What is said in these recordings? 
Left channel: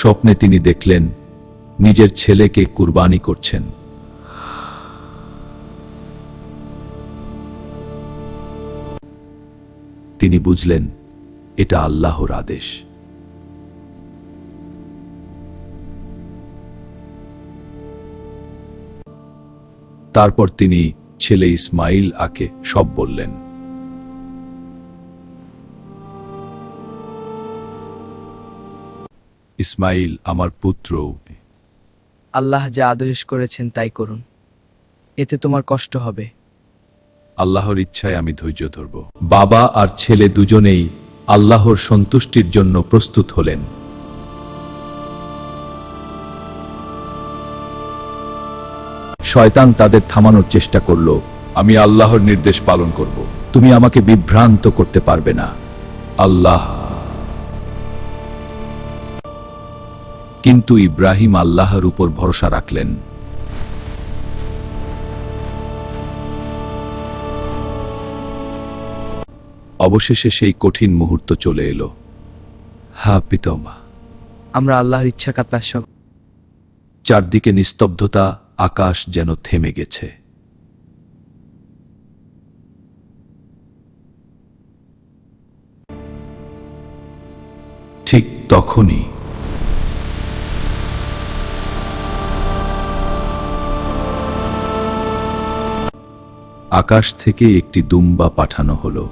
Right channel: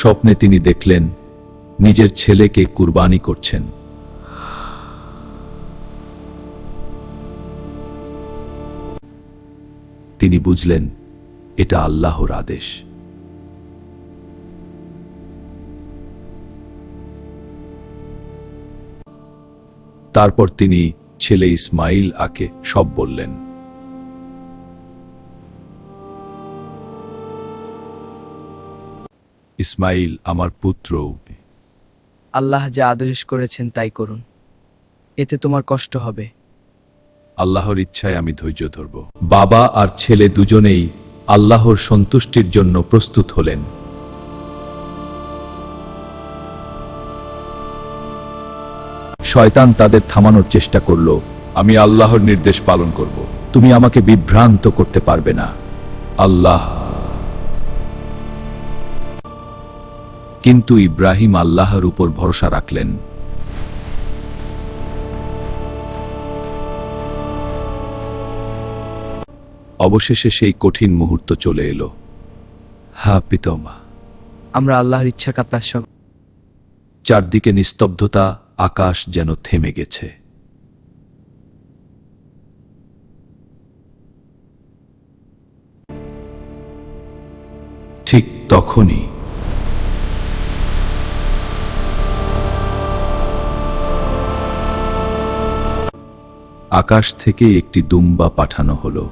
স্বপ্নে তিনি দেখলেন নিজের ছেলেকে কুরবানি করছেন। তিনি বুঝলেন এটা আল্লাহর আদেশ। তারপর তিনি ছেলে ইসমাইল আকে সব বললেন। ইসমাইল আমার পুত্র, আল্লাহ যা আদেশ করেছেন তাই করুন, এতে তোমার কষ্ট হবে। আল্লাহর ইচ্ছায় আমি ধৈর্য ধরব। বাবা আর ছেলে দুজনেই আল্লাহর সন্তুষ্টির জন্য প্রস্তুত হলেন। শয়তান তাদের থামানোর চেষ্টা করল, আমি আল্লাহর নির্দেশ পালন করব, তুমি আমাকে বিভ্রান্ত করতে পারবে না। আল্লাহ। কিন্তু ইব্রাহিম আল্লাহর উপর ভরসা রাখলেন। অবশেষে সেই কঠিন মুহূর্ত চলে এলো। হা পিতামা, আমরা আল্লাহর ইচ্ছা কাতলার সব। চারদিকে নিস্তব্ধতা, আকাশ যেন থেমে গেছে। ঠিক তখনই আকাশ থেকে একটি দুম্বা পাঠানো হলো।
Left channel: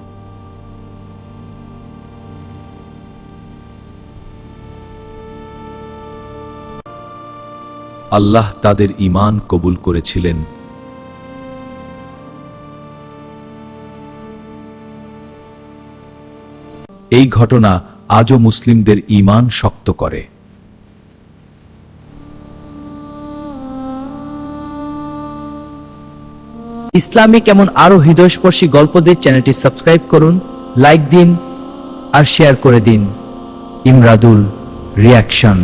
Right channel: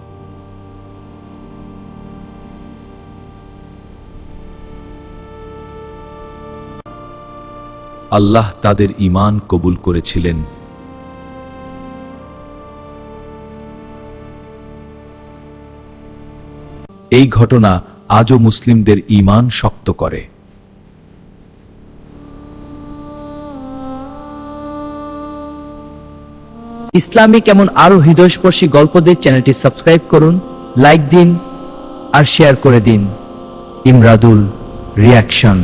আল্লাহ তাদের ঈমান কবুল করেছিলেন। এই ঘটনা আজও মুসলিমদের ঈমান শক্ত করে। ইসলামিক এমন আরো হৃদয়স্পর্শী গল্পদের চ্যানেলটি সাবস্ক্রাইব করুন, লাইক দিন আর শেয়ার করে দিন। ইমরাদুল রিয়াকশন।